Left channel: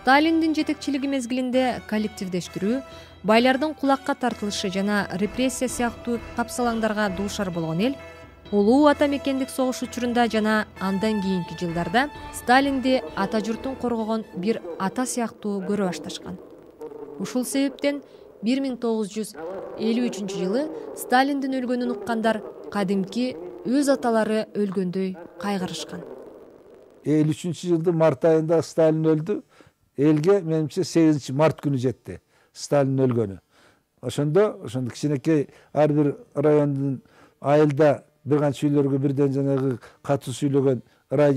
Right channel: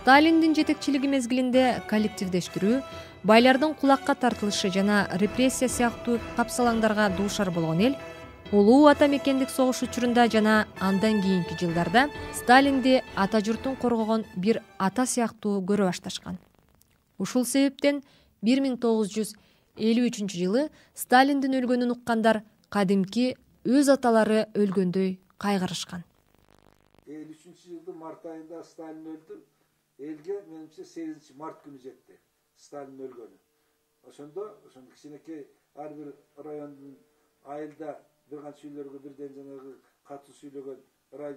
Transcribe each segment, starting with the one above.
Сталиндин жетекчилиги мезгилинде коллективдештирүү, байлардын кулакка тартылышы жана репрессия сыяктуу капсалаңдарга дуушар болгон эл улуу ата мекендик согуш учурунда жана андан кийинки жылдарда Сталинди ата журтун коргогон бир ата сыяктуу көрө башташкан. Ушул себептен 1953 жылы Сталиндин өлгөнүн уккандар кадимки өз аталары өлгөндөй кайгырышкан. 53 жылдын март айында Сталин өлдү. Элге менимче 8 март күнү жетти Сталин өлгөнү. Ошондо кичинекей ар бир райондун айылда бир канча үйлөргө бирден жанагы катуу сүйлөгөн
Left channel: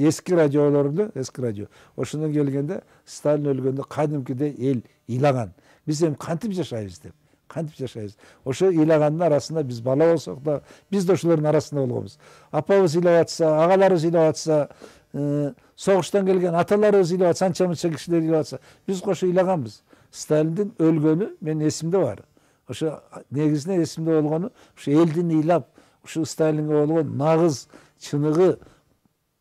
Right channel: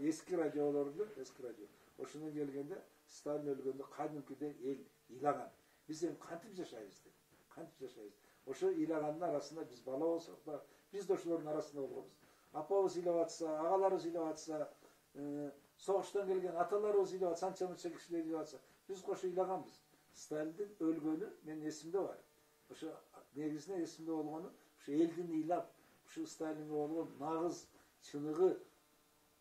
эски радиолорду, эски радио. Ошондон келгенде Сталин өлгөндө кадимкидей эл ыйлаган. Биз эми кантип жашайбыз деп. Кантип жашайбыз? Ошо ыйлагандын арасында биз бала болсок да, биз да ошолордун арасында болгонбуз. Апабыз ыйлап атса, агаларыбыз ыйлап атса, согуштан келген аталарыбыз ыйлап атса, анча-мынча кишилер ыйлап атса, биз кошо ыйлаганбыз. Сталиндин өлгөнү менин эсимде бар. Ошо негизинен эсимде болгону, ошо элдин ыйлап, ушул Сталинге болгон нагыз чыныгы,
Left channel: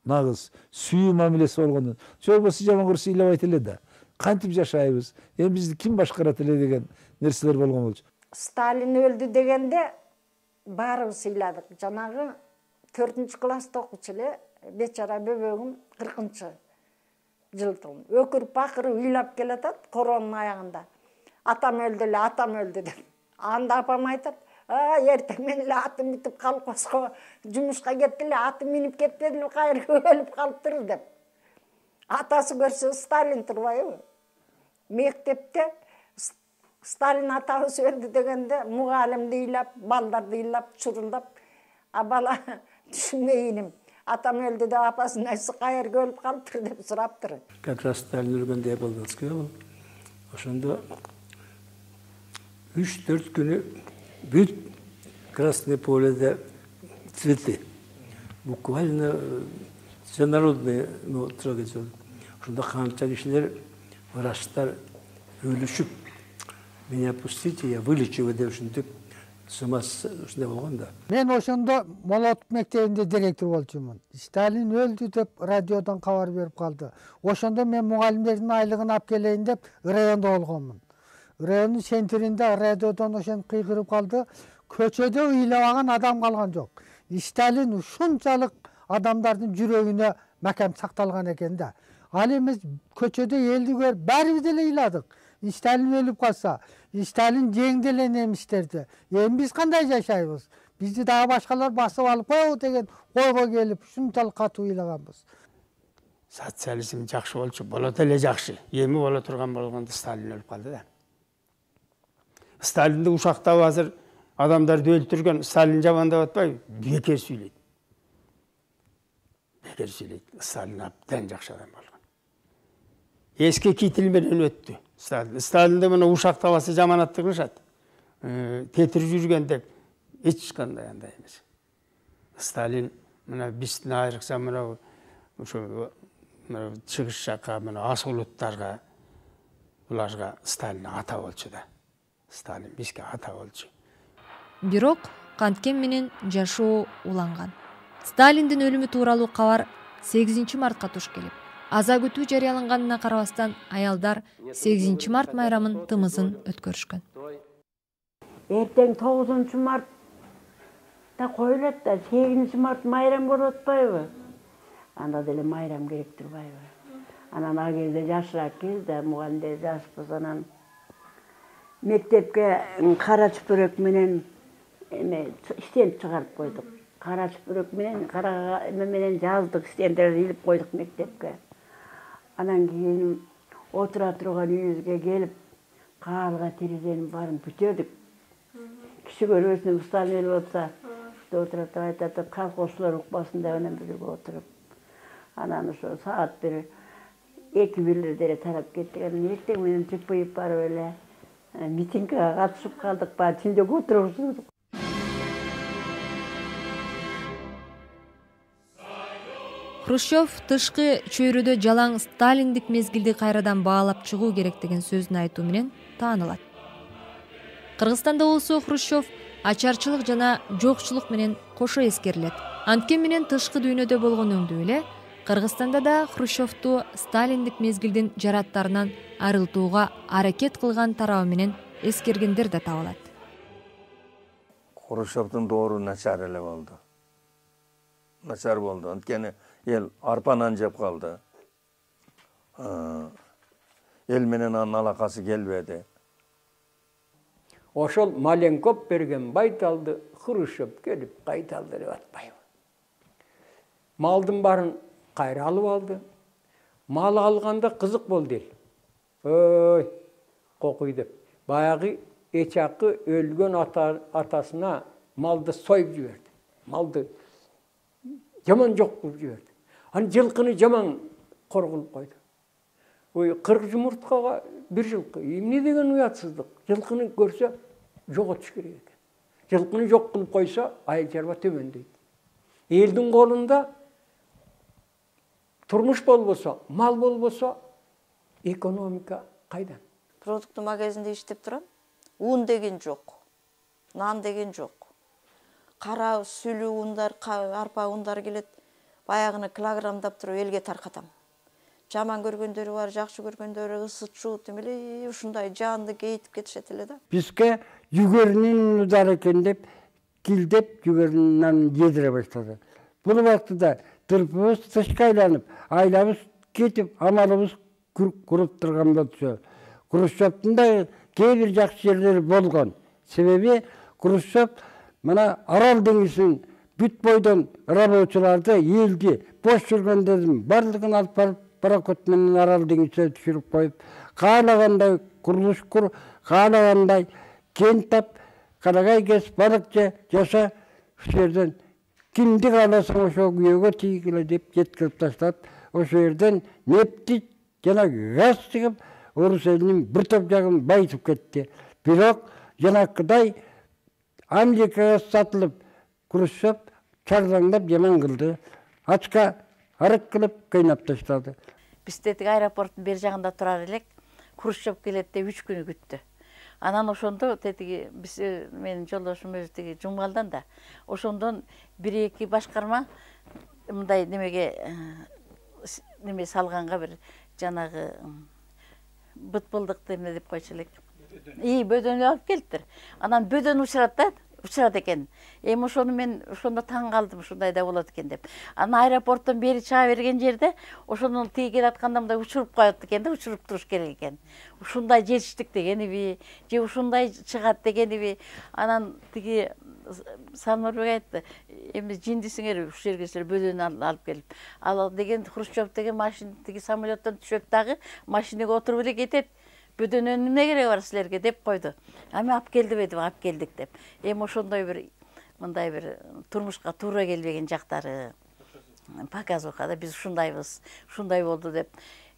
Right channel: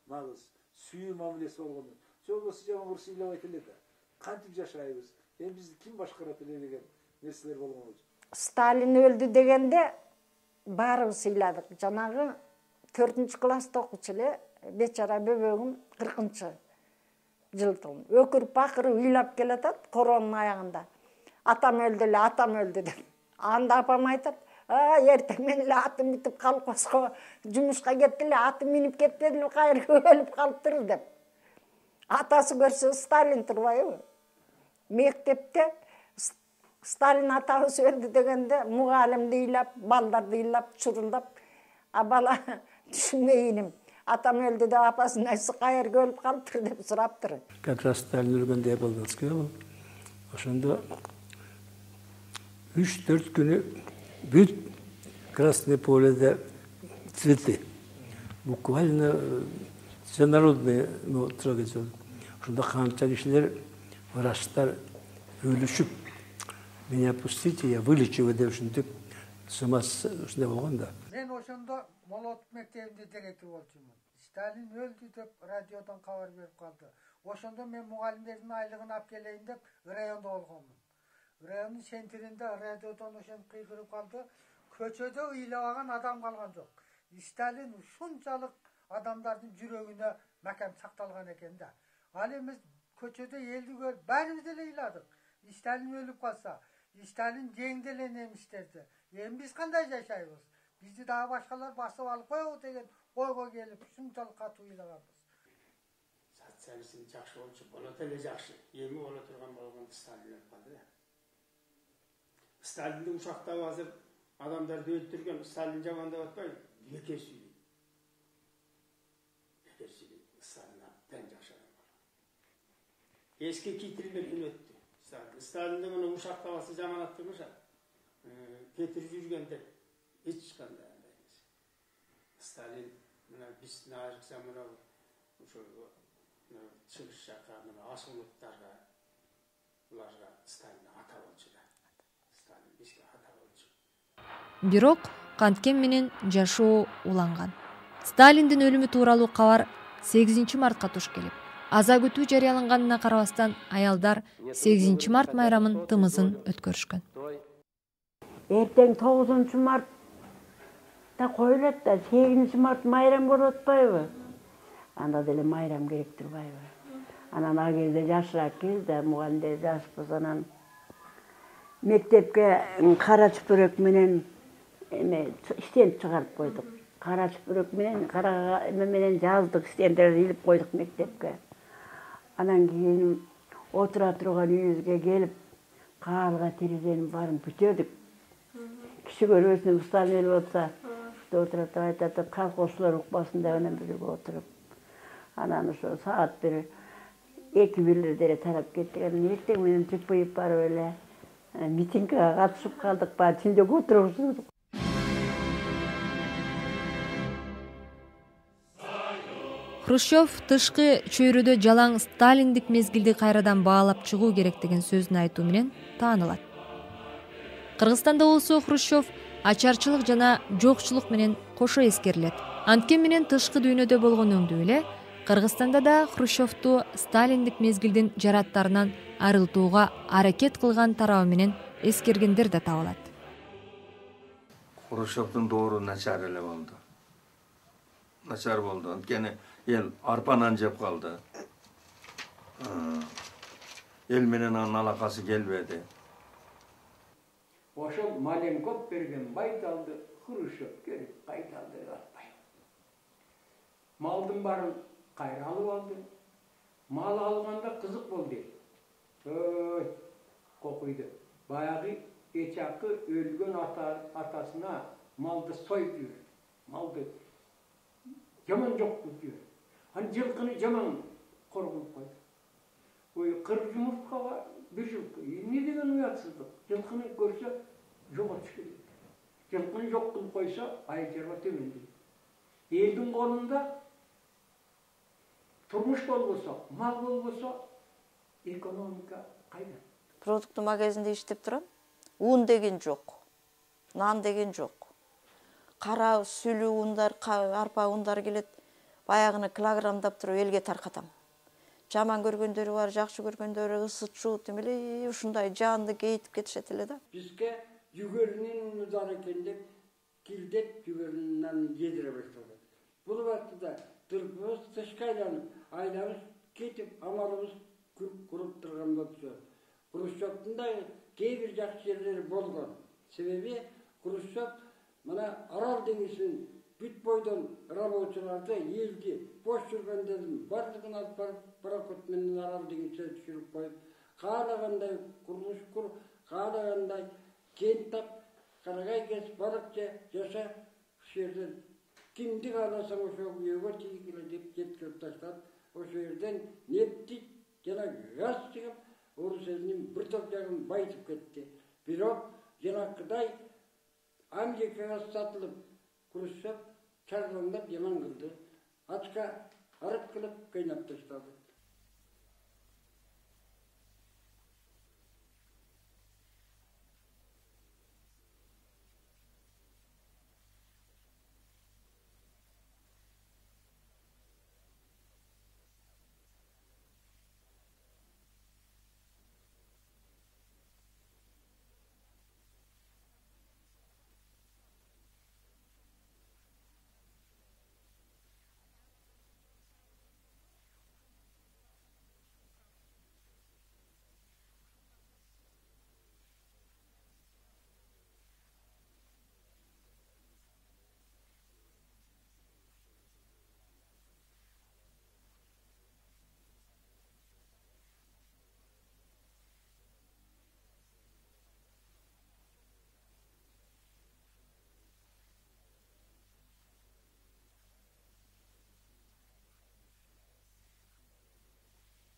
нагыз сүйүү мамилеси болгону. Жок болсо жаман көрсө ыйлабайт эле да. Кантип жашайбыз? Эми бизди ким башкарат эле деген нерселер болгон болчу. Сталин өлдү дегенде баарыбыз ыйладык. Жанагы 4-класста окучу эле бечара бөбөгүм 40-жылдын. Өкүрүп бакырып ыйлап келатат коронун аягында. Атам өлдү эле, атам өлдү деп. Анда апам айтат: "Эртең менен эле атым бүтүп калпаска, жумушка кетти эле, атым минип кетпеди эле, кайра өлүп калыптыр" деп. Атасы көрсө Сталин турбайбы? Мектепте Сталин атабыз өлдү дегенде мугалимди ыйлап, балдарды ыйлап, чурулдап, а бала түшүнбөй иним. Атам өлдү деп апасын айтса кайерге өлүп калыптыр деп сураптыр. Как раз Сталин өлгөндө Болдовский бул. Ошондо 3-4 күнү бүт Красное поледе цветы. Буквально всенародные трогательные. Ошондо канча кишилер, врачтар өлүшүп, меня пустите, я вылечу деп ушинтип ушундай болгон да. Мен ошондо Молотов мектебинде директор болчумун. Сталин өлдү деп радиодон кабар берип калды. Ошондо мен мугалимдердин айлыгын алып келейин деп райондо болгонмун. Райондун центринде радиодон ошентип кыйгырып калды. Көчөдө ыйлабаган адам калган жок. Сталин ушунчалык адамдардын жүрөгүнө макам сакталган экен да. Ал эми көчөдө элди көрүп баарыбыз деле ыйладык. Сталин өлүп калса, Сталин жеңди эле немистерди. Эми биз кандай жашайбыз? Бизди дагы башкалар басып алып коебу деген ойго келип ушунчалык катуу ыйлаганбыз. Социализм жакшы болчу, болот эле жакшы. Эми боло турган болгондо Сталин өлүп калды да. Сталинди ушактап азыр адамдарды өлтүргөн, Сталин жаман деп атпайбы? Бекер сүйлөйт. Бекер сүйлөйт. Сталин абдан жакшы адам болгон. Эски китил менен өттү. Сталинди мына ушактабасы жаманатты кылышат. Тетирип жүргөн деп эч кандай андай эмес. Сталин мына биздин айрыкча мына ошо чыгыш жакка мына ас улуттарга буларга Сталин ата болчу да. Сталин бизге ата болчу. Бирок канткен менен жашоо уланган. Сталиндин өлүмү тууралуу кабар 8 мартка туш келип, аза күтүү жарыяланганына карабастан аялдар 8 март майрамын тымызын өткөрүшкөн. Эртең 9 мартта коюлат да 8 март майрам болуп атпайбы? Анда деле майрам керек турбайбы? Анан ал кезде жашыраак кезде мугалимдер жашпыз, анан мектепке кара чүпүрөк менен стенд чыгарып койдук. Кара чүпүрөк менен, кара менен жаздык, стендерди илип койдук мектепке. Анан кийин отура турган үйүбүзгө келип, каалга терезенин баарын бүтөдүк. Киши көрбөсүн, Сталин болса, отурат айтат, колхозчулар укпасын деп анан бирге отуруп. Анан ошо саат бир 2-1 деле тарап кеттик. Анан эртең менен тыпайып барып эле митингге катышып калдык, баары түндөгү отуруп. Хрущев тышкы чөйрөдө жалаң Сталиндик мезгилди кайрадан баалап чыгуу керек деген сөзүн айтуу менен таанылат. Кыргызстанда болсо Хрущев ачарчылык жана жокчулук менен кошо эскерилет. Анткени менен тышкы дүйнөдө болгон өңдүү эле Кыргызстанда да Хрущевту Сталиндик мезгилдин жараттарынан арылтууга аракет кылган тарабы менен эскергендер да табылат. Хрущевтун доору начар эле болду. Начар болду. Анткени эл арпа нан жеп калды. Эл менен анын алакасы келбеди. Ошол Маленков берген байталды Хрущев келип кайталды деп атпайбы. Малдын барын кайра алып алды. Мал алганда кызык болду эл. Ой, кокуй деп. Баягы эчакы өлгөн атасына малды союп жиберди. Малды жаман жок кылып жиберди. Аны жылкыны жаман коргонуп койду. Ой, 40 жумурткага bir жылкы. Эмне деген уятсыздык. Жылкыны көрсө жоготуш керек экен. Жылкыны жок кылып койсо айыл чарба төмөндөйт. Элдин колунда турмуш болбосо, мал болбосо, экономика кайдан? Продукты магазинде иштеп турам. Un деген жок. Нан деген жок. Кара сүлүү ундар, арпа ундар келет. Баягыны килограммдап туруп элге таркатам. Жаман көргөндөрү бар, жакшы көргөндөрү ысытчу, демеле ушундай жанды кейтип кетишет эле да. Бизге жүгөрүнүн удар экен деп килдеп жүгөрүнүн жедире баштады. Бул убактыда тырпыбыз тышка айланып, айлабыз кетип, амалыбыз куруп турган болчу. Хрущевдун да кээ бир жакшы жерлери болгон. Себеби Хрущев мына Арал деңизин бүт бойдон рабочуларды, элди, бош жүргөндөрдүн барлыгын алып барып пароход менен Арал деңизине түшүрүп коюп, каалагандай курулуш кур, каалагандай кент тап, карагай кес, балык жаса, ошол жерден кимди кааласаң ошо күйөөгө тийгиле деп жеткирип таштап, ошол жерден нефти жана газ чыгып, орус элинин бир топ жагын байытып кетти. Бирок жанакыдай Америкага сатылып, Хрущев чаржаңдап жаман кылды. Ачка арык кылып кыйнап таштады. Биз тетиги аэропорттун бер жагында турар элек. Хрущев келет деп 3 күнү күттү. Анан ошондо тетиги биз менин жолдошум өзү тиги Жумгалдан да. Ошондон 1-2 башкарма мындай немеге неме салганга бир жанагы бытбылдыкты эмне деп койчу элек. Бөдөнү алып келиптир. Анан бөдөн учурат экен. Эми ошону мен ошондо таң калдым, ушундай да болот экен деп. Анан аэропорттон бери чыга берген жерде ошону тиги келатканда мындай учуруп коет экен да, учуруп туруш керек экен. Ушундай жетиштик дегениби, же ушундай чыгат дегениби. Анан тиги Салмырбек айтты, эми жиндисиңер ушу жерге силер бөдөнү алып келип. Ал деген Хрущев деген машина тиги самолеттон түшөт дагы машинага отуруп эле кетет. Бөдөнүнүн эмне кереги бар силерге деп койду. Ами алып келдиби деп, алып келдик деп. Эми ошондой бир мындай бир турмушка туура келбеген жактары показуха да, биз ушундайбыз, ушундай болду деп.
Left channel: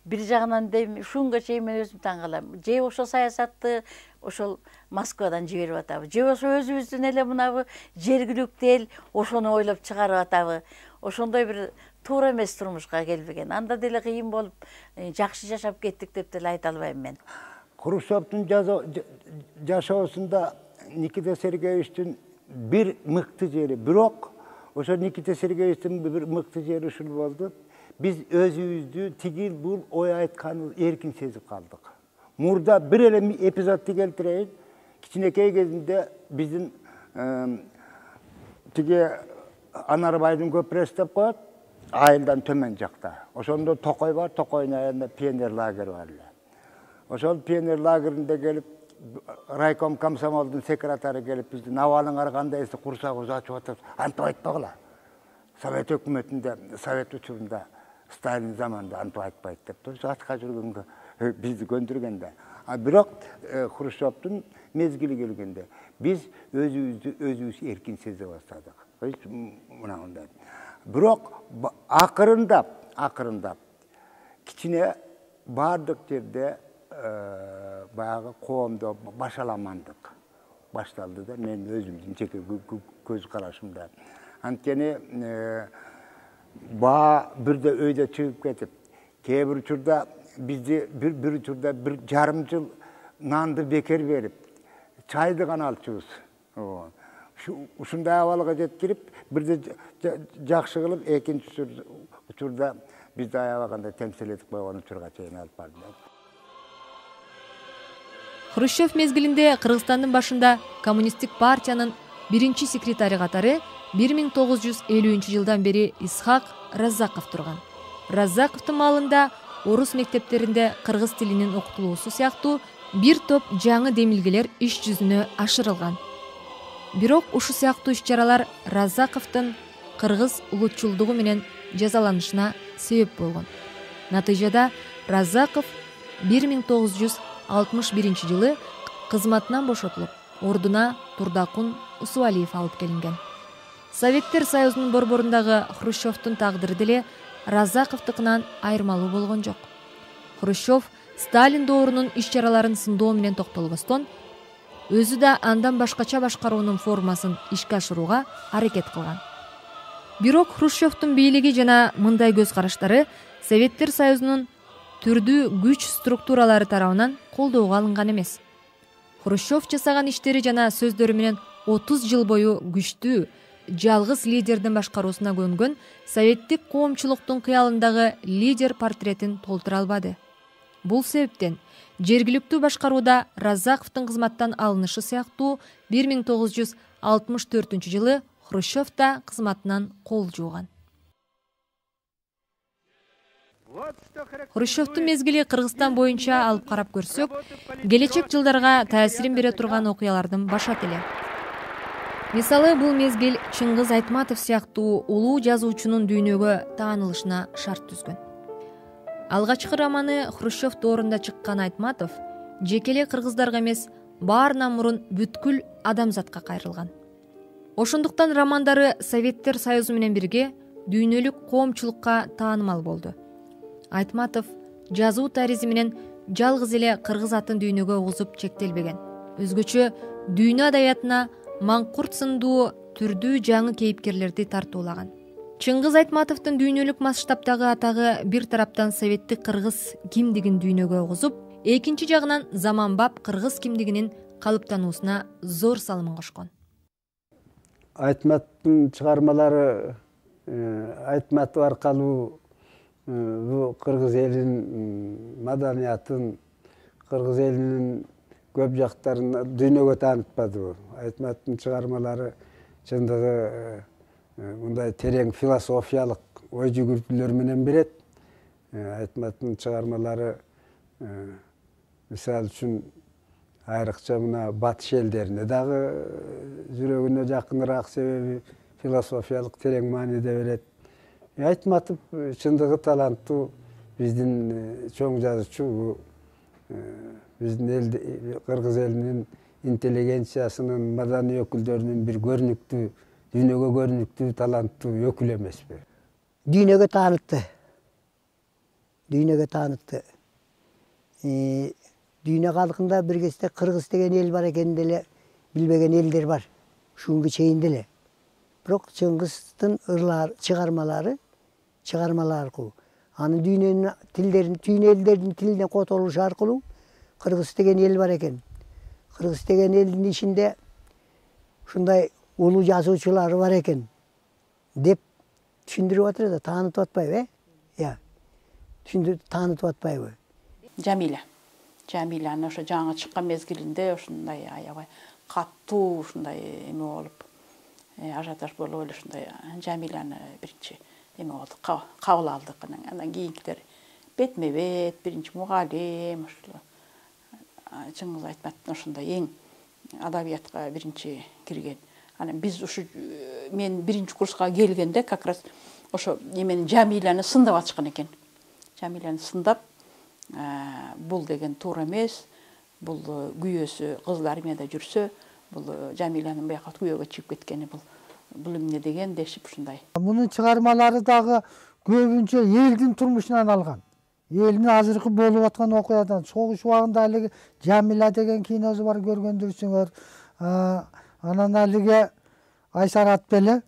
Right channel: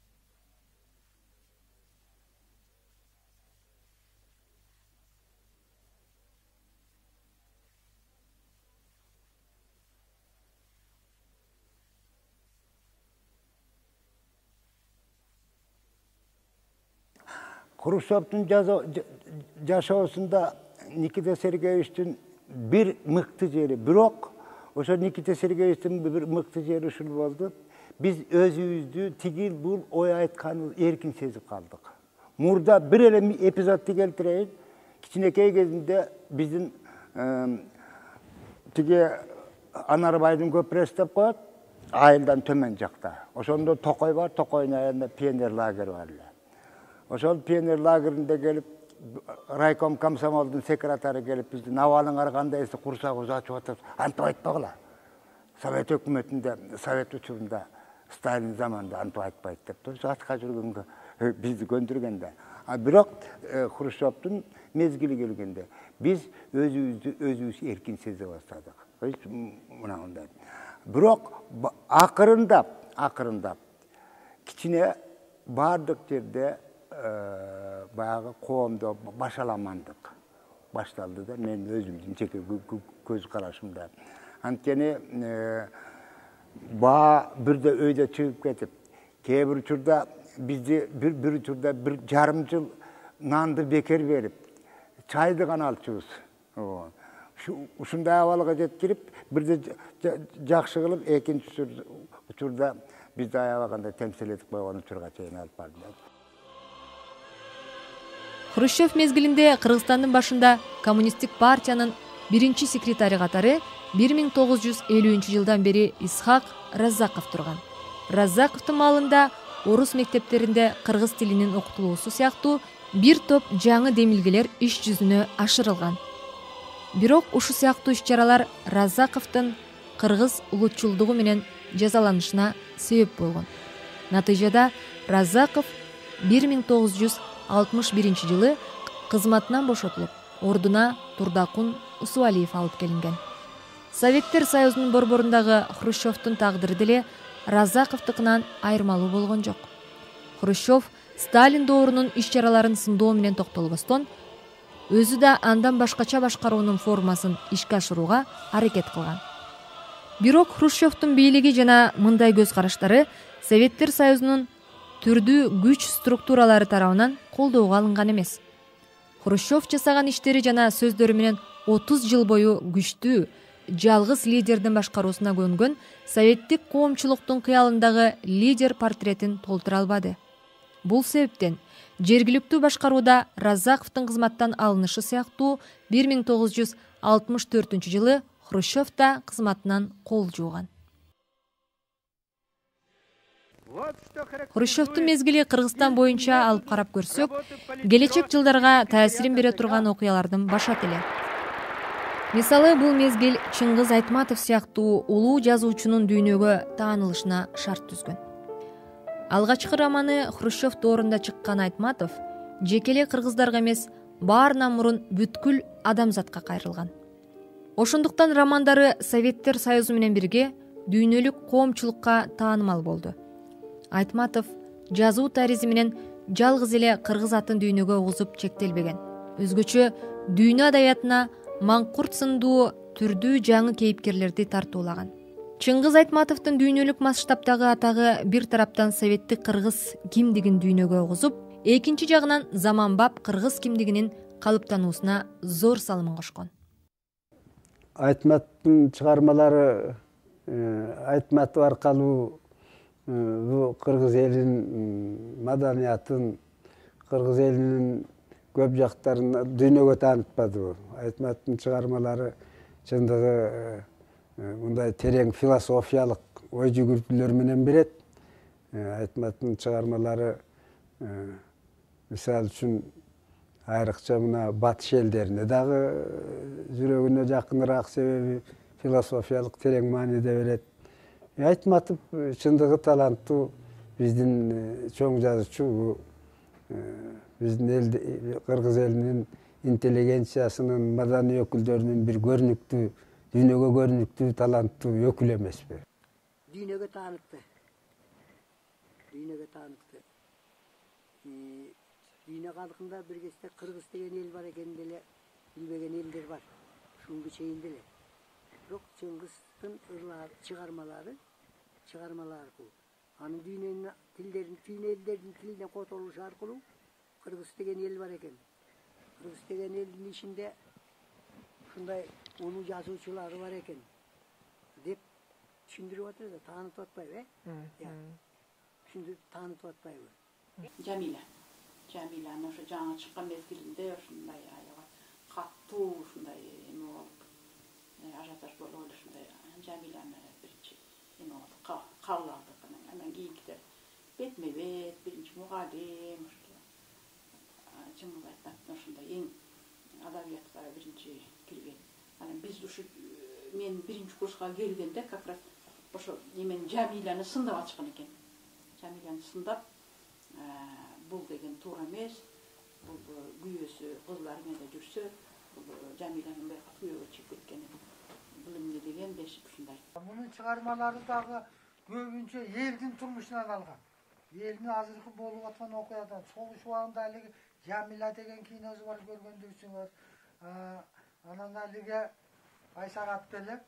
Бир жагынан дейм, ушунга чейин мен өзүм таң калам. Же ошол саясатты ошол Москвадан жиберип атабы, же ошо өзүбүздүн эле мынабы жергиликтүү эл ошону ойлоп чыгарып атабы. Ошондой бир туура эмес турмушка келбеген. Анда деле кыйын болуп, жакшы жашап кеттик деп деле айта албайм мен. Хрущевдун жашоосунда Никита Сергеевичтин бир мыкты жери, бирок ошо Никита Сергеевичтин бир мыкты жери ушул болду. Биз өзүбүздү тигил бул ой айтканы эркин сезип калдык. Мурда бир эле эпизодду келтирейин. Кичинекей кезинде биздин тиги Анарбайдын көпүрөсү деп коет, айылдан төмөн жакта. Ошондо Токой бар, Токойдун аягында пионер лагері бар эле. Ошол пионер лагеринде келип, райком комсомолдун секретары келип, биздин абалыңар кандай эсе курсагыбыз ачып атат. Антип айтпагыла. Совет өкмөтүндө, Совет учурунда, Сталин заманында антип айтпайт деп туруп атка жүргөнгө бизди көндүргөндө. Бирок Хрущевдун мезгили келгенде биз өзүбүз эркин сезе баштадык. Мынандай. Бирок акырындап кичине бардык жерде баягы коомдо башаламандык башталды да, мен өзүмдүн жеке көз карашымда. Анткени бирде өйдө чыгып кетип, кээ бир учурда бизди бир учурда 1,5 жыл нанды бекер берип, чайды гана алчубуз. Ушундай абалга жеткирип, бирде жакшы кылып, экинчи учурда Biz аябаганда темсил этип койгон учурга чейин алып барды. Хрущев мезгилинде Кыргызстандын башында коммунисттик партиянын биринчи секретари катары 1950 жылдан бери Исхак Раззаков турган. Раззаковдун маалында орус мектептеринде кыргыз тилинин окутулуусу сыяктуу бир топ жаңы демилгелер иш жүзүнө ашырылган. Бирок ушул сыяктуу иш-чаралар Раззаковдун кыргыз улутчулдугу менен жазаланышына себеп болгон. Натыйжада Раззаков 1961 жылы кызматынан бошотулуп, ордуна Турдакун Усуалиев алып келинген. Советтер Союзунун борборундагы Хрущевдун тагдыры деле Раззаковдукунан айырмалуу болгон жок. Хрущев Сталин доорунун иш-чараларын сындоо менен токтолбостон, өзү да андан башкача башкаруунун формасын ишке ашырууга аракет кылган. Бирок Хрущевдун бийлиги жана мындай көз караштары Советтер Союзунун түрдүү күч структуралары тарабынан колдоого алынган эмес. Хрущев жасаган иштери жана сөздөрү менен 30 жыл бою күчтүү, жалгыз лидердин башкаруусуна көнгөн советтик коомчулуктун кыялындагы лидер портретин толтура албады. Бул себептен жергиликтүү башкарууда Раззаковдун кызматтан алынышы сыяктуу 1964 жылы Хрущев да кызматынан кол жууган. Хрущевдун мезгили Кыргызстан боюнча алып карап көрсөк, келечек жылдарга таасирин бере турган окуялардын башат эле. Мисалы, бул мезгил Чыңгыз Айтматов сыяктуу улуу жазуучунун дүйнөгө таанылышына шарт түзгөн. Алгачкы романы Хрущев доорунда чыккан Айтматов жекеле кыргыздарга эмес, баарынан мурун бүткүл адамзатка кайрылган. Ошондуктан романдары Советтер Союзу менен бирге дүйнөлүк коомчулукка таанымал болду. Айтматов жазуу таризми менен жалгыз эле кыргыз атын дүйнөгө угузуп чектелбеген. Өзгөчө дүйнө адабиятына Маңкурт сындуу түрдүү жаңы кейипкерлерди тартуулаган. Чыңгыз Айтматовдун дүйнөлүк масштабтагы атагы бир тараптан советтик кыргыз кимдигин дүйнөгө угузуп, экинчи жагынан заманбап кыргыз кимдигинин калыптануусуна зор салымын кошкон. Айтматовдун чыгармалары Айтматов аркылуу кыргыз элинин маданиятын, кыргыз элинин көп жактарын дүйнөгө таанытпады. Айтматовдун чыгармалары чындыгы мындай терең философиялык ой жүгүртүүлөр менен берет. Айтматовдун чыгармалары мисалы үчүн айрыкча мына батыш элдерине дагы жүрөгүнө жакыныраак, себеби философиялык терең мааниде берет. Айтматов чындыгы таланттуу биздин чоң жазуучу, биздин эл кыргыз элинин интеллигенциясынын, маданий өкүлдөрүнүн бир көрүнүктүү, дүйнөгө көрүнүктүү таланттуу өкүл эмеспи? Дүйнөгө таанытты. Дүйнөгө таанытты. Дүйнө калкында бир кезде кыргыз деген эл бар экенин деле билбеген элдер бар. Ушунга чейин деле. Бирок Чыңгыздын чыгармалары аркылуу, анын дүйнөнүн тилдерин, түйүн элдердин тилине котолушу аркылуу кыргыз деген эл бар экен. Кыргыз деген элдин ичинде ушундай улуу жазуучулары бар экен деп түшүндүрүп атыр да, таанытып атпайбы, түшүндүрүп таанытып атпайбы? Жамиланы ошо жаңы чыккан мезгилинде ушундай аябай каттуу ушундай эме болуп, ажиотаж болуп эле ушундай Жамиланы биринчи эме болду, кабыл алдык. Андан кийинкилери бетме-бет, биринчи мугалим, ушул Чыңгыз Айтматовдун ошондой эң адабиятка биринчи кирген. Анан биз ушу мен биринчи курска келгенде как раз ошо эмени Жамиланы сындап атышкан экен. Жамиланы сындап, бул деген туура эмес, бул күйөөсү кызыл армияда жүрсө, бул Жамиланын бияка күйөөгө чыгып кеткени бул эмне деген дешип ушундай. Мунун чыгармалары дагы көбүнчө элдин турмушунан алган. Элдин азыркы болуп аткан окуядан, согуш убагында алиги Жамила деген киносу бар, көргөндүрсүңөр. Анан алиге Айсар Атбеле,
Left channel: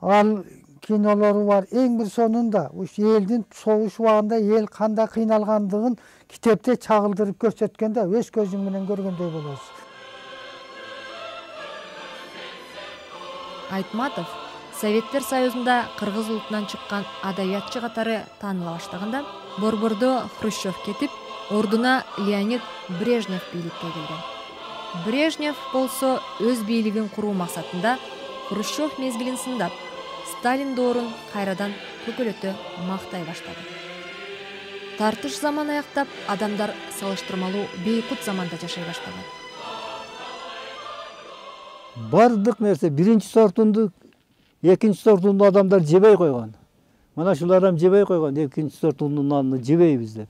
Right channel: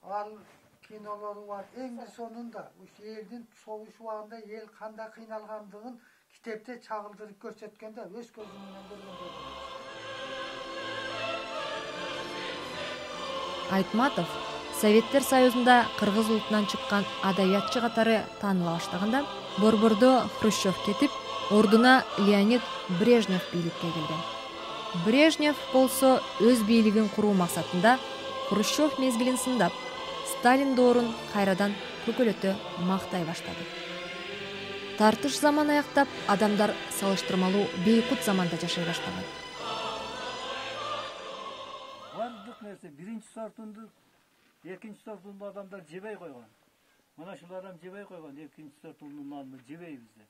ал кинолору бар. Эң бир сонунда уш элдин согуш убагында эл кандай кыйналгандыгын китепте чагылдырып көрсөткөндө өз көзүң менен көргөндөй болосуз. Айтматов Советтер Союзунда кыргыз улутунан чыккан адабиятчы катары тааныла баштаганда Борбордо Хрущев кетип, ордуна Леонид Брежнев бийликке келген. Брежнев болсо өз бийлигин куруу максатында Хрущев мезгилин сындап, Сталин доорун кайрадан көкөлөтө мактай баштады. Тартыш заман аяктап, адамдар салыштырмалуу бейкут заманда жашай баштаган. Бардык нерсе биринчи сортунду, экинчи сортунду адамдар жебей койгон. Мына шулардан жебей койгон, экинчи сортунун нанын жебейбиз деп.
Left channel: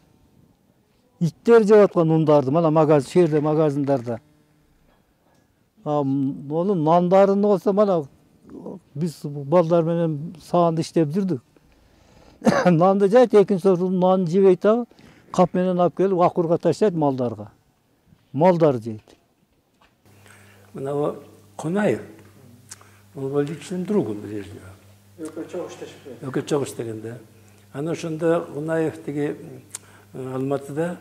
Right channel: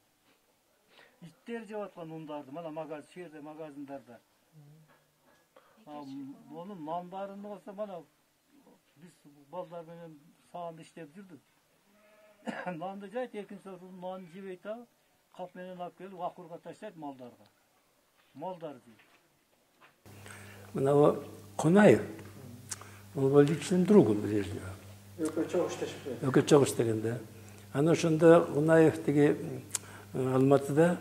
Иттер жеп аткан ундарды, мына магазин, шеерде магазиндарда. Онун нандарын болсо мына биз балдар менен саанда иштеп жүрдүк. Нанды жайт, экинчи сортунун нанын жебей табы, кап менен алып келип акурга таштайт малдарга. Малдар жейт. Мына Кунаев, он был личным другом Брежнева. Чогуш деген, да. Ана ошондо Кунаев теги Алматыда,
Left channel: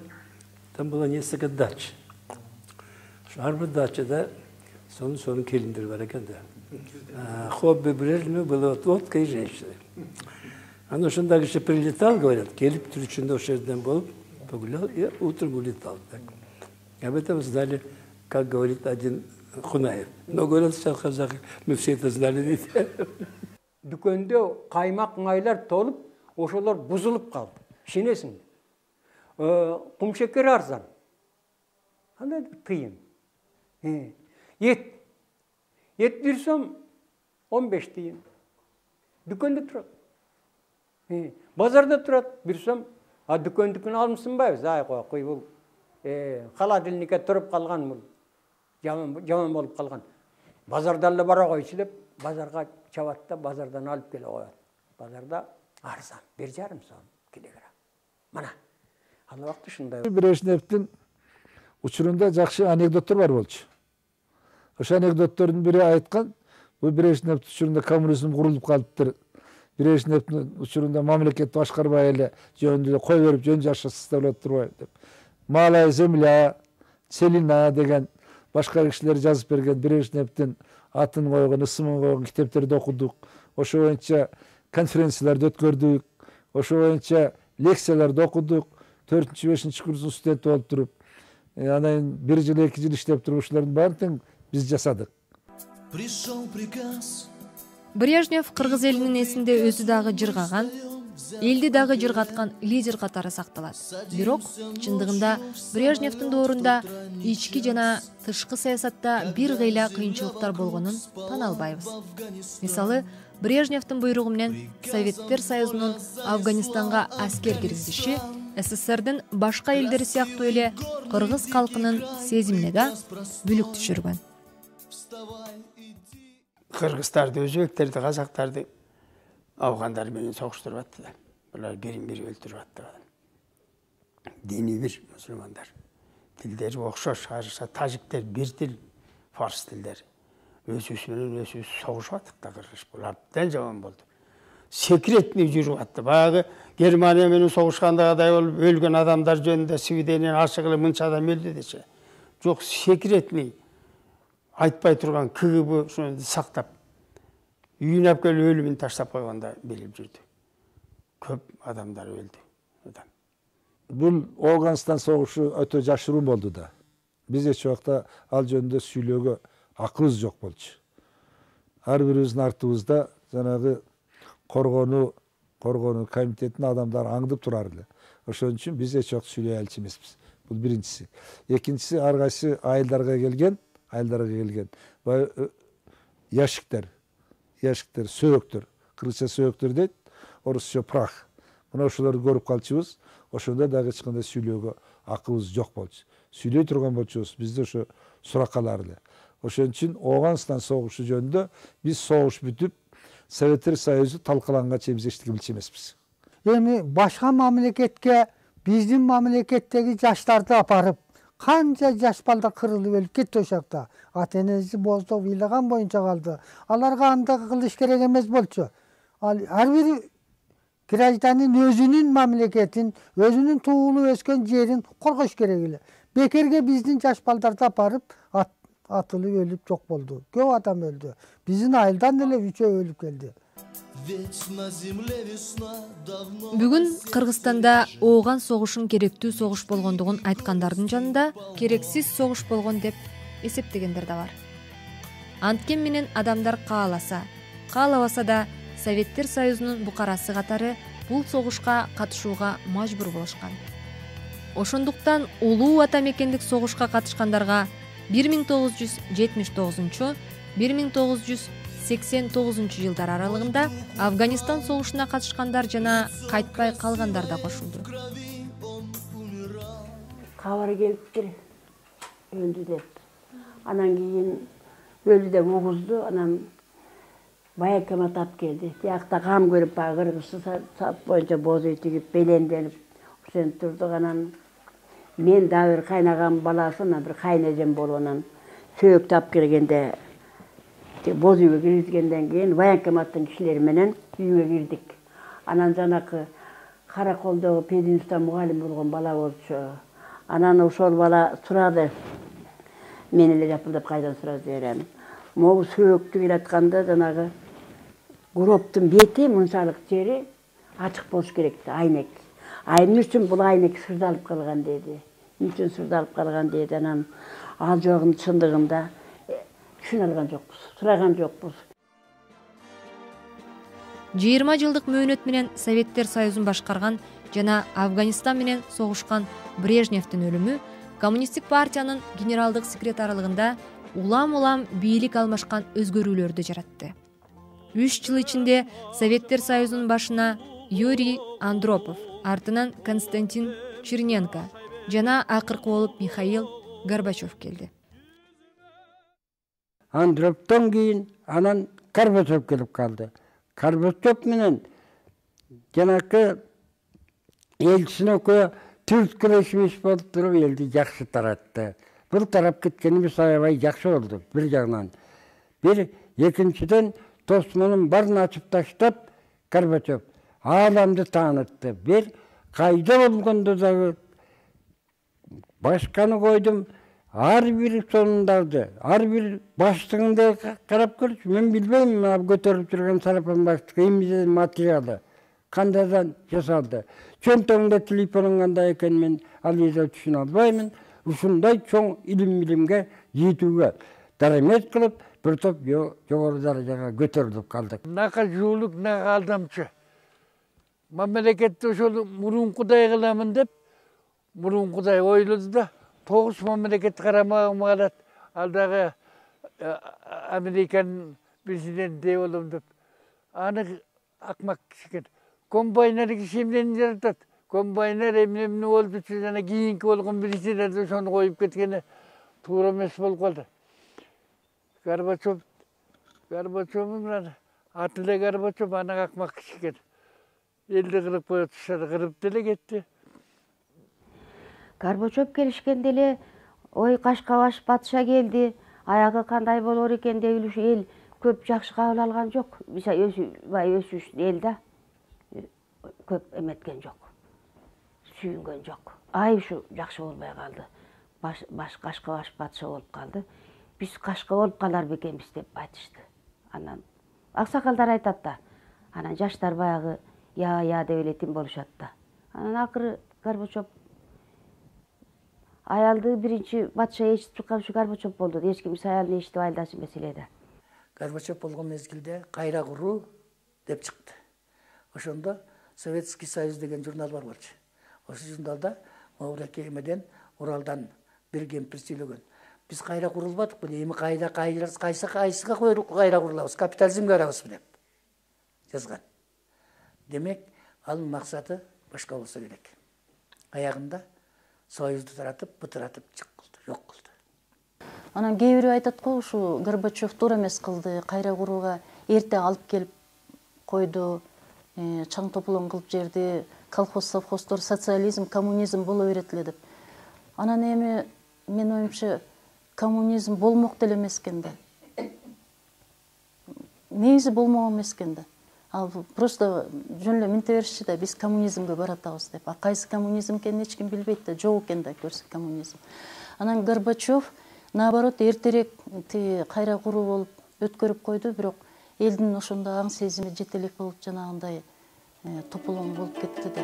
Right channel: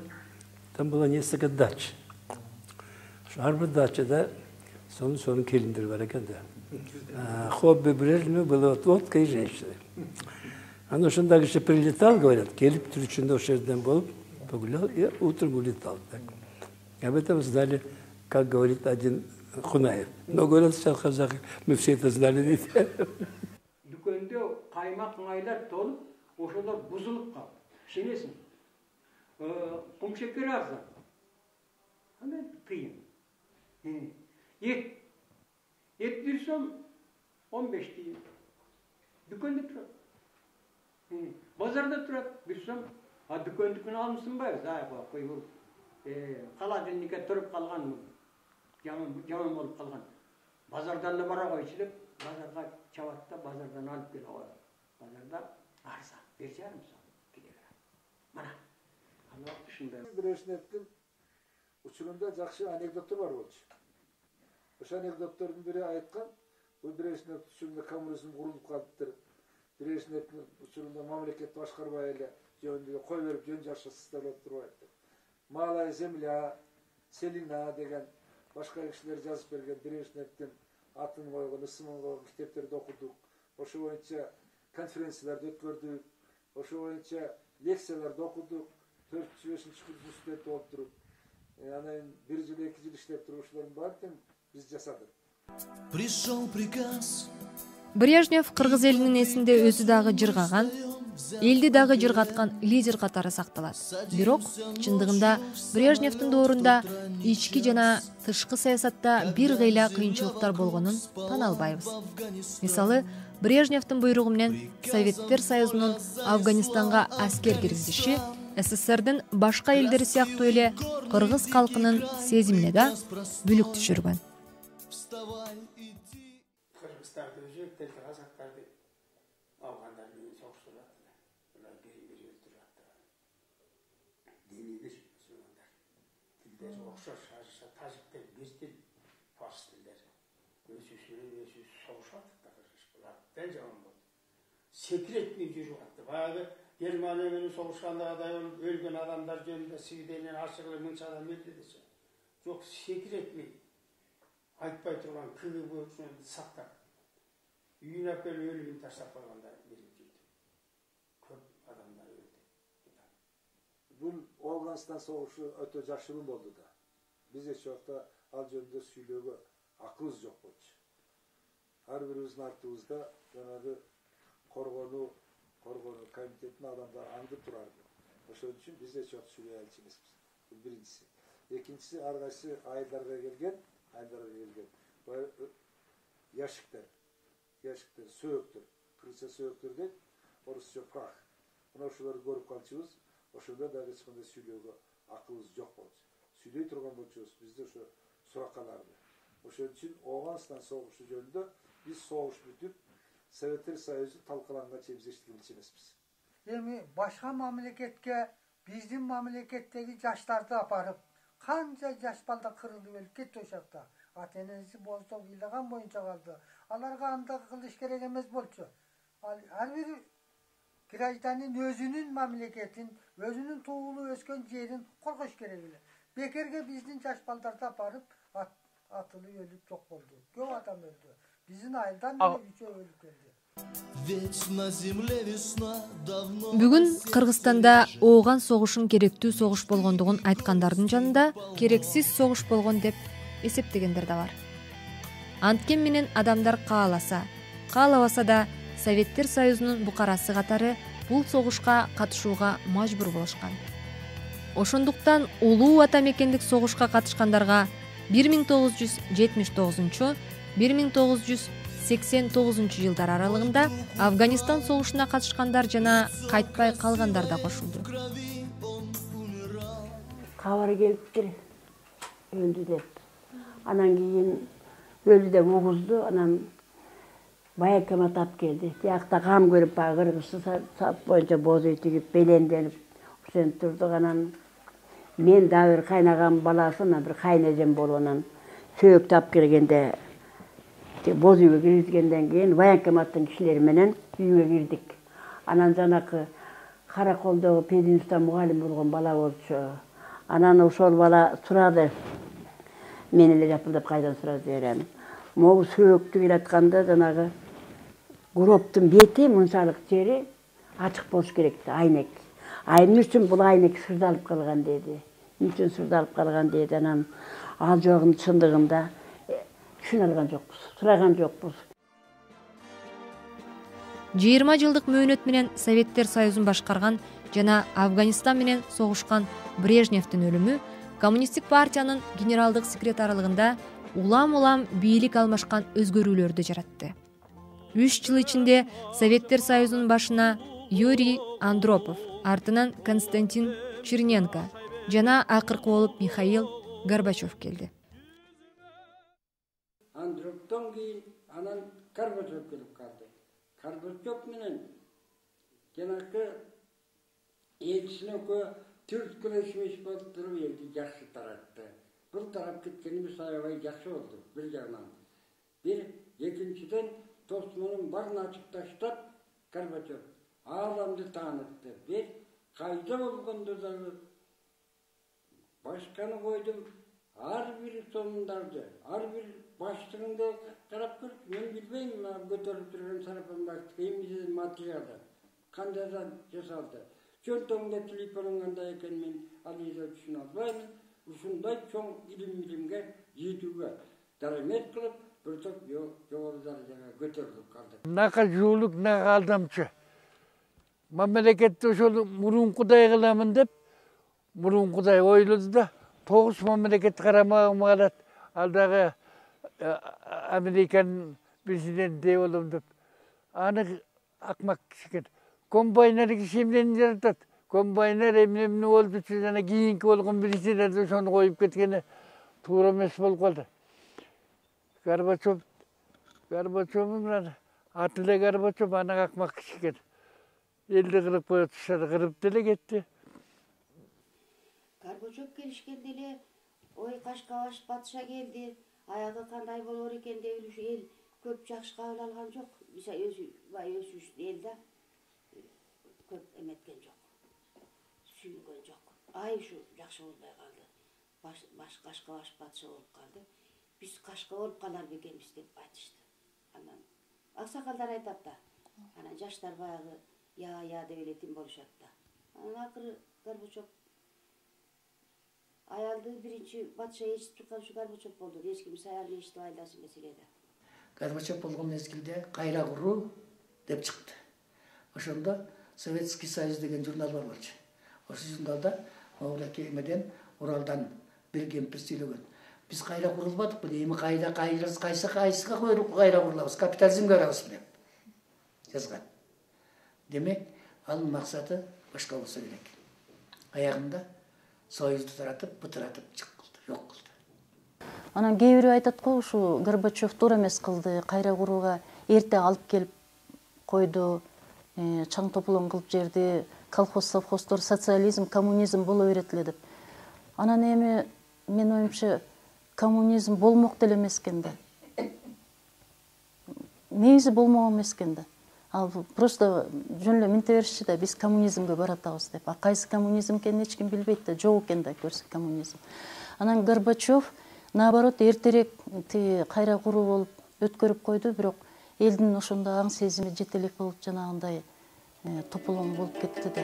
там было несколько дач. Ар бир дачада сонун келиндер бар экен да. Хобби Брежнева было водка и женщина. Ана ошондо киши прилетал, говорят, келип түрүчүндө ошол жерден болуп, погулял и утром улетал. Об этом знали, как говорит один Кунаев. Но говорят, что казахи, мы все это знали. Дүкөндө каймак майлар толуп, ошолор бузулуп калды. Ишенесиң? Кумшекер арзан. Андай тыйын. Ет бирсем 15 тыйын. Дүкөндө турат. Базарда турат, бирсем, а дүкөндүкүн алмысынбайбыз. Ай кой бул. Холодильникке туруп калган бул. Жаман болуп калган. Базарда эле бара койчу деп, базарга чабат да, базардан алып келе коет. Базарда арзан, 1,5 сом килограмм. Мына. Ал убакта ушундай. Брежневдин учурунда жакшы анекдоттор бар болчу. Ошо анекдоттордун бири айткан, бул Брежнев учурунда коммунизм курулуп калыптыр. Брежневдин учурунда мамлекетти башкарбай эле жөнүндө кой берип жөн жашасыздар болуп турбайбы деп. Малая земля, целина деген башка кишилер жазып берген Брежневдин атын койгон, ысымын койгон китептерди окудук. Ошо боюнча конференцияларды өткөрдүк. Ошо боюнча лекцияларды окудук. 4-5 курстун студенти болуп туруп, анан 1 жыл 2 жыл иштеп туруп ушулардын баарын биз жасадык. Брежнев кыргыз элинин эсинде өзү дагы жыргаган, элди дагы жыргаткан лидер катары сакталат. Бирок чындыгында Брежневдин доорунда ички жана тышкы саясатта бир кыйла кыйынчылыктар болгонун тана албайбыз. Мисалы, Брежневдин буйругу менен Советтер Союзунун Афганистанга аскер киргизиши СССРдин башка элдери сыяктуу эле кыргыз калкынын сезимине да бүлүк түшүргөн. Кыргыздарды, өзбектерди, казактарды афгандар менен согуштуруп атты да. Булар бирин-бири өлтүрүп атты. Дини бир мусулмандар. Тилдери окшош, карыша тажиктер бир тил, фарс тилдери. Өзүбүз менен өзүбүз согушуп аттык да кыргыз. Бул абдан жаман болду. Секретный жүрүп атты. Баягы Германия менен согушкандагыдай болуп өлгөн адамдар жөнүндө свидетеление ачык эле мынча адам өлдү десе. Жок, секретный айтпай турган КГБ ошону сактап, үйүнө алып келип өлүмүн таштап койгонда билип жүрдү. Көп адамдар өлдү. Бул Афганистан согушу өтө жашыруун болду да. Биз эч убакта ал жөнүндө сүйлөөгө акыбыз жок болчу. Ар бирибиздин артыбызда жанагы коргонуу комитетинин адамдары аңдып турар эле. Ошон үчүн биз эч убакта сүйлөй алчу эмеспиз. Бул биринчиси. Экинчиси, ар кайсы айылдарга келген, яшиктер, сөөктөр, кыргызча сөөктөр дейт, орусча прах. Мына ошолорду көрүп калчубуз. Ошондо дагы эч кандай сүйлөөгө акыбыз жок болчу. Сүйлөй турган болчубуз, бизде ошо сураккалар эле. Ошон үчүн Афганистан согушу жөнүндө биз согуш бүтүп, Советтер Союзу талкаланганга чейин биз эчтеке билчү эмеспиз. Эми башка мамлекетке биздин мамлекеттеги жаштарды апарып, канча жаш балдар кырылып өлүп кетти ошакта. Ата энеси боздоп ыйлаган боюнча калды. Аларга андай кылыш керек эмес болчу. Ар бир гражданин өзүнүн мамлекетин, өзүнүн туулуп өскөн жерин коргош керек эле. Бекерге биздин жаш балдарды апарып атылып өлүп жок болду. Көп адам өлдү. Биздин айылдан эле 3 өлүп келди. Бүгүн Кыргызстанда ооган согушун керектүү согуш болгондугун айткандардын жанында керексиз согуш болгон деп эсептегендер да бар. Анткен менен адамдар кааласа, каалабаса да Советтер Союзунун букарасы катары бул согушка катышууга мажбур болушкан. Ошондуктан улуу ата мекендик согушка катышкандарга 1979-1989 жылдар аралыгында Афганистан согушуна катышкандар жана кайтпай калгандар да кошулду. Кабар келиптир, өлдү деп. Анан кийин өлдү деп угузду, анан баякема тап келди. Тиякта кам көрүп баягы кыргызча сап боюнча бозуй тигип, беленденип, ошентип турдук. Анан мен да бир кайнагам баласы, бир кайнежем болуп, анан сөөк тап келгенде бозуйга киргизгенден кийин военкоматтын кишилери менен үйгө кирдик. Анан жанакы Караколдогу пединститутта мугалим болгон бала болчу. Анан ошол бала сурады. Мен эле жапылдап кайдан сурады берем. Могу сөөктү кыйратканда жанагы гроптун бети мынчалык жери ачык болуш керек да, айнек. Эмне үчүн бул айнек сырдалып калган деди. Эмне үчүн сырдалып калган деди. Анан ал жогун чындыгында түшүнө алган жокпуз, сураган жокпуз. 20 жылдык мөөнөт менен Советтер Союзун башкарган жана Афганистан менен согушкан Брежневдин өлүмү Коммунисттик партиянын генералдык секретарлыгында улам бийлик алмашкан өзгөрүүлөрдү жаратты. 3 жыл ичинде Советтер Союзунун башына Юрий Андропов, артынан Константин Черненко жана акыркы болуп Михаил Горбачев келди. Андроповдон кийин анан Горбачев келип калды. Горбачев менен жанакы элчисин экөө түрткүлөшүш болуп туруп элди жакшы таратты. Бул тарап кеткенибиз аябай жакшы болду бир жагынан. Бир экинчиден тосмонун барын ачып таштап Горбачев ааламды таанытты. Бир кайда болгондо дагы башканы койдум, ар бир сонундарды, ар бир баштыгында карап көрчү. Мен билбейм, көтөрүп жүргөн сарапан баштыгы эмне материалы кандайдан жасалды. Чөнтөгүндө телефонун кандай экенин мен ал жерде түшүнө албаймын. Ушундай чоң илимге жетүүгө дарамет кылып, бир топ жогору даражага көтөрүлүп калдык. Нака жуулук, нака алдамчы. Мамлекетти ошол мурункудай кыламын деп, мурункудай ойлоду да, 9 мамлекет карамагыма калат. Ал дагы Американын президенти болом деп. Аны акмак киши. Комбайнер киши эмнени жаратат? Комбайнер эмне болдучу жана кийинки болгон президент ошону коюп кеткени туура эмес болуп калды. Горбачевдун аты эле Горбачев, анан акмак киши экен. Элди кырып коет, кырып деле кетти. Горбачев келишкенде эле ой Кашкабаш патша келди, аягы кандай болор экен деп ушу эл көп жакшы кабыл алган жок. Өсүш эл да көп эметкен жок. Сүйүнгөн жок. Ай ушу жакшы болбой калды. Баш Кашкабаш патша болуп калды. Биз Кашка болуп калар бекенбиз деп айтышты. Анан аксакалдар айтат да. Анан жаштар баягы я деп эле тим болушат да. Анан акыры Горбачев аялды биринчи патша ээрчитип чыккан ушу Горбачев болду. Эч ким аялын ээрчитип айылдашы эмес эле да. Горбачев болгон мезгилде кайра куруу деп чыкты. Ошондо Советский Союз деген журнал бар болчу. Ошол журналда Мавра келмеден Уралдан бир кемпир сүйлөгөн. Биз кайра курулбадыкпы? Эми кайсыга кайра курулабыз? Капитализмге барабызбы деп жазган. Демек, ал максаты башка болсо керек. Аягында Союзду таратып, бытыратып чыккылды, жок кылды. Анан кээ бирөө айтат го, ушу Горбачев туура эмес кылды, кайра курууга эрте алып келип койду, чаң тополоң кылып жерди, колхоз, совхоздор, социализм, коммунизм боло берет эле деп. Анан эми мен оюмча коммунизм болмок деле эмес экен да. Негизи болмок эмес экен да. Ал просто жөн эле минте беришчи да, биз коммунизмге баратабыз деп. А кайсы коммунизм экенин эч ким билбейт да, жок экен да көрсө коммунизм. Анан Горбачев наоборот эртерээк кайра куруу болуп өткөрүп койду, бирок элдин ошондо аң сезими жетелек болуп жанагындай тополоң болуп кетти да.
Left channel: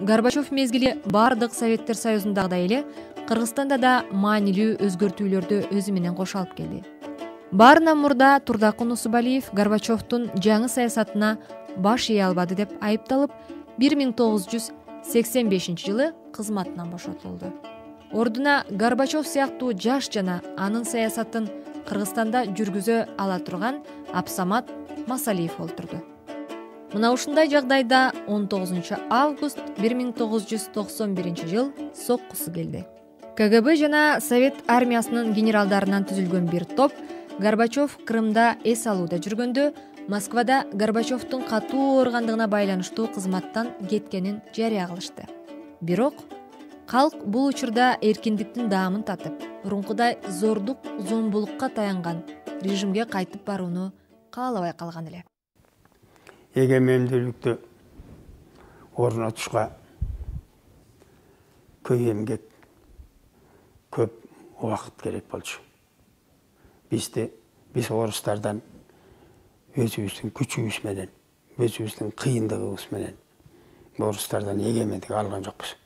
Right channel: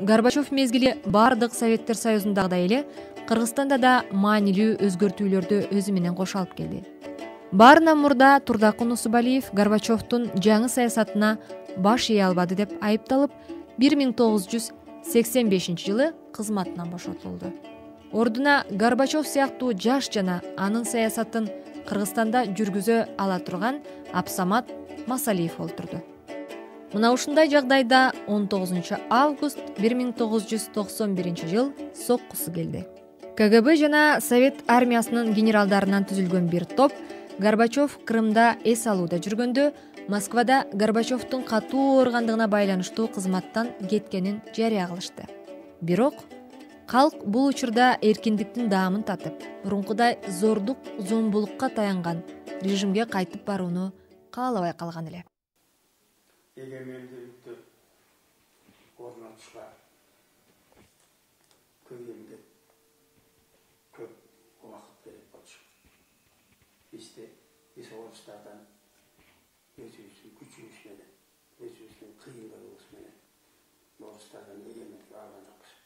Горбачев мезгили бардык Советтер Союзундагыдай эле Кыргызстанда да маанилүү өзгөртүүлөрдү өзү менен кошо алып келди. Баарынан мурда Турдакын Нусубалиев Горбачевдун жаңы саясатына баш ие албады деп айыпталып, 1985 жылы кызматынан бошотулду. Ордуна Горбачев сыяктуу жаш жана анын саясатын Кыргызстанда жүргүзө ала турган Абсамат Масалиев олтурду. Мына ушундай жагдайда 19 август 1991 жыл соккусу келди. КГБ жана Совет армиясынын генералдарынан түзүлгөн бир топ Горбачев Крымда эс алууда жүргөндө Москвада Горбачевдун катуу ооргандыгына байланыштуу кызматтан кеткенин жарыя кылышты. Бирок калк бул учурда эркиндиктин даамын татып, мурункудай зордук, зомбулукка таянган режимге кайтып барууну каалабай калган эле. Эгемендүүлүктү орнотушка көй эмгек, көп убакыт керек болчу. Биз орустардан өзүбүздүн күчүбүз менен, өзүбүздүн кыйындыгыбыз менен орустардан эгемендик алган жокпуз.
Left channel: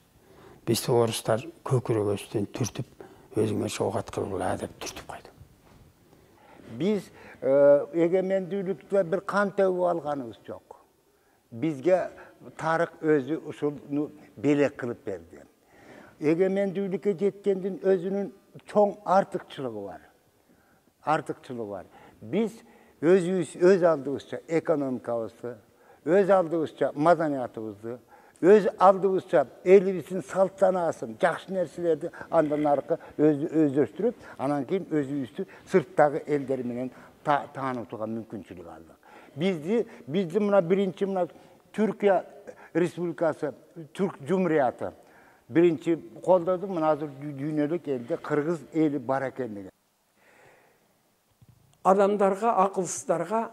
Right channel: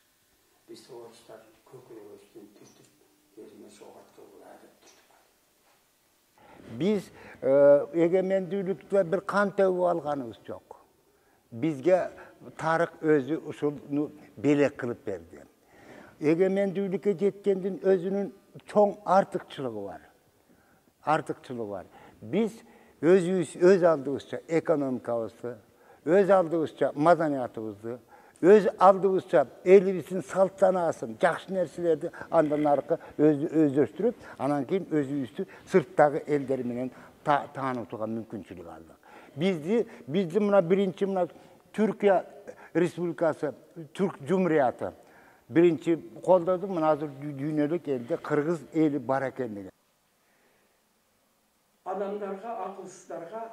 Бизди орустар көкүрөгөбүздөн түртүп, өзүңөр ок аткыргыла деп түртүп койду. Биз эгемендүүлүктө бир кан төгүп алганыбыз жок. Бизге тарых өзү ушуну белек кылып берди. Эгемендүүлүккө жеткендин өзүнүн чоң артыкчылыгы бар. Биз өзүбүз өз алдыбызча экономикабызды, өз алдыбызча маданиятыбызды, өз алдыбызча элибиздин салт санаасын, жакшы нерселерди андан аркы өздөштүрүп, анан кийин өзүбүздү сырттагы элдер менен таанытууга мүмкүнчүлүк алдык. Бизди мына биринчи мына Түркия Республикасы, Түрк Жумурияты биринчи колдоду. Мына азыр дүйнөлүк элде кыргыз эли бар экендиги. Адамдарга, акылсыздарга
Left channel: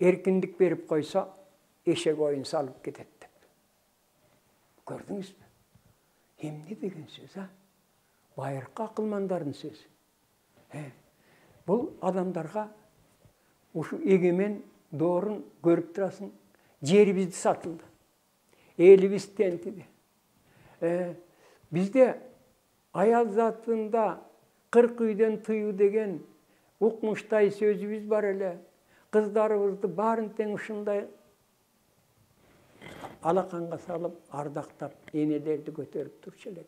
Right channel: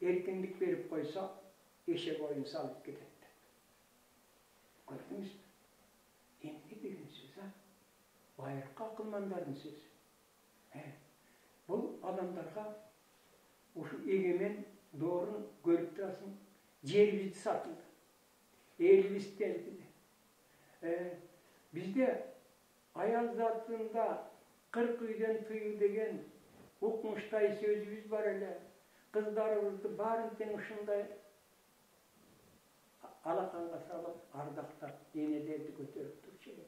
эркиндик берип койсо, эшек оюн салып кетет деп. Көрдүңүзбү? Эмне деген сөз, а? Байыркы акылмандардын сөзү. Бул адамдарга ушу эгемен доорун көрүп турасың, жерибизди сатылды. Элибиз тентиди. Бизде аял затында 40 үйдөн тыюу деген укмуштай сөзүбүз бар эле. Кыздарыбызды баарын тең ушундай алаканга салып, ардактап, энелерди көтөрүп турчу элек.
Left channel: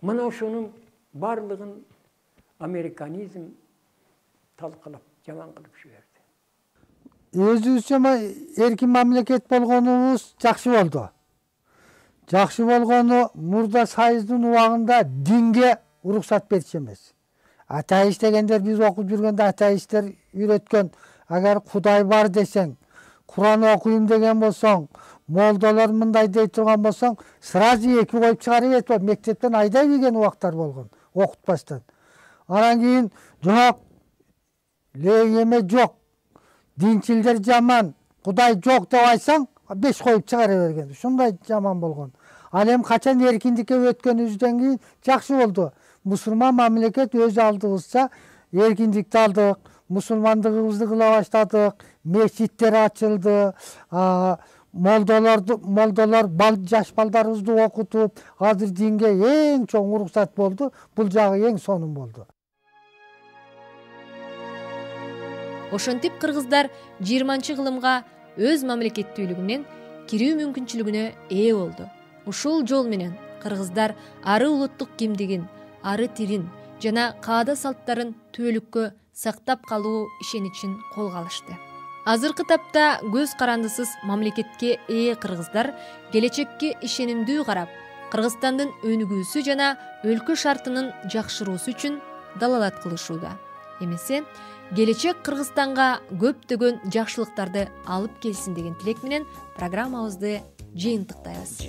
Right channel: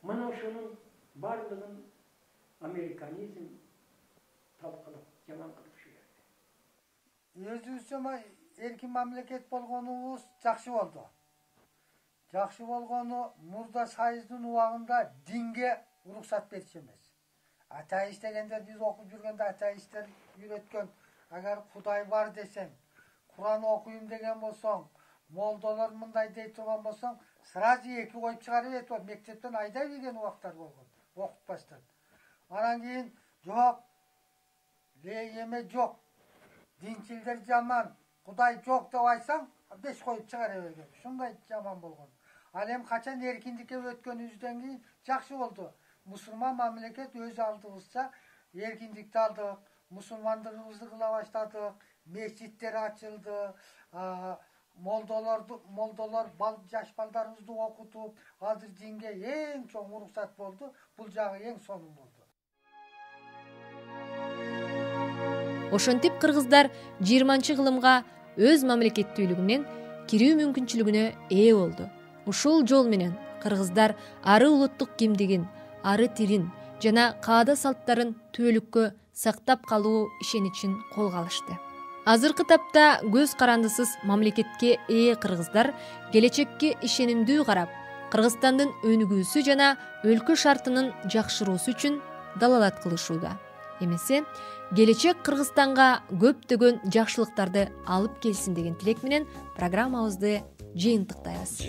Мына ушунун барлыгын американизм талкалап, жаман кылып жиберди. Өзүбүзчө эркин мамлекет болгонубуз жакшы болду. Жакшы болгону мурда Союздун убагында динге уруксат берчү эмес. Атеист дегендер биз окуп жүргөндө атеисттер үйрөткөн, агар Кудай бар десең, Куран окуйм деген болсоң, молдолор мындай дей турган болсоң, сразу 2 коюп чыгарып кетип, мектептен айдай берген убактар болгон, окутпастан. Анан кийин жок, эме жок, динчилдер жаман, Кудай жок деп айтсаң, 5 коюп чыгара берген. Ушундай жаман болгон. Ал эми качан эркиндикке өткөнүбүздөн кийин жакшы болду. Мусулман мамлекет өз алдыбызча эркиндикти алдык, мусулмандыгыбызды кыла баштадык, мечиттер ачылды, молдолор жаш балдарыбызды окутуп, азыр динге эң чоң уруксат болду, бул жагы эң сонун болду. Ошентип кыргыздар 20-кылымга өз мамлекеттүүлүгүнөн кирүү мүмкүнчүлүгүнө ээ болду. Ушул жол менен кыргыздар ары улуттук кимдигин, ары тилин жана каада салттарын түбөлүккө сактап калуу ишеничин колго алышты. Азыркы тапта көз карандысыз мамлекетке ээ кыргыздар келечекке ишенимдүү карап, Кыргызстандын өнүгүүсү жана өлкө шартынын жакшыруусу үчүн далалат кылышууда. Эмесе, келечек Кыргызстанга көптөгөн жакшылыктарды алып келсин деген тилек менен программабызды жыйынтыктайбыз.